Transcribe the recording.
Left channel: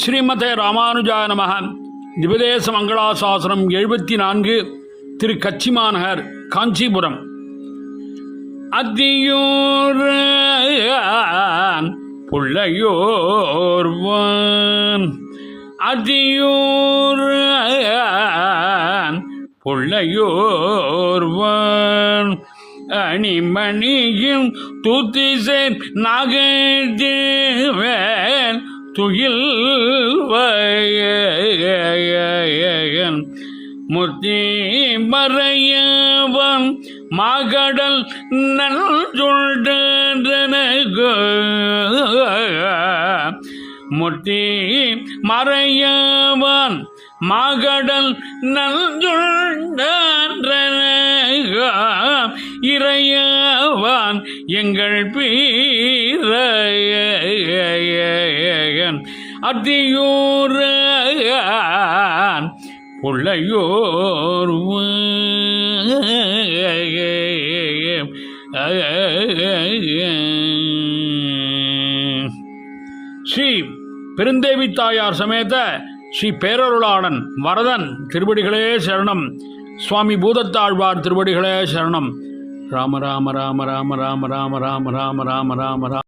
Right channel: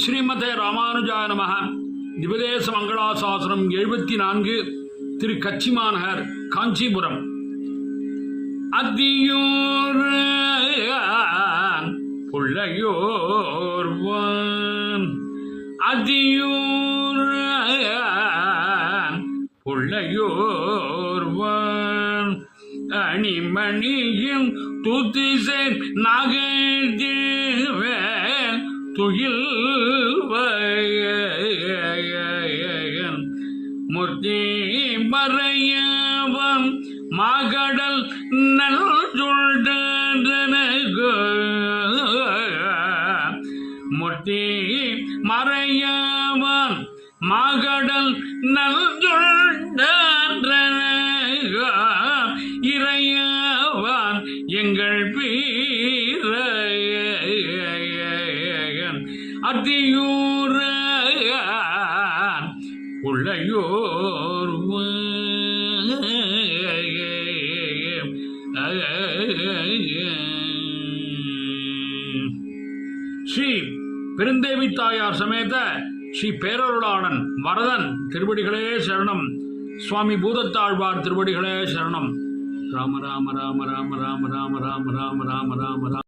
ஸ்ரீமதே ராமானுஜாய நமஹ. திவதேச மங்களாசாசனம் 74 திரு கச்சிமாநகர் காஞ்சிபுரம். அதியோர் புள்ளையோர்வான் அதியோர் புள்ளையோர்வான் அணிமணியும் துதிசை நகர்வேன் துயில் வயன் முத்தி மறையவன் மகடல் நல்ஜொல்டனகு முத்தி மறையவன் மகடல் நல்ஜொல்டனகு இறையவன் எங்கள் பீரையன் அதியூரன் புள்ளையோர் ஸ்ரீ பெருந்தேவி தாயார் சமேத ஸ்ரீ பேரருளாளன் வரதன் திருவடிகளே சரணம். சுவாமி பூதத்தாழ்வார் திருவடிகளே சரணம். ராம ராம ராம ராம ராம ராம ராம ராம ராம ராம ராம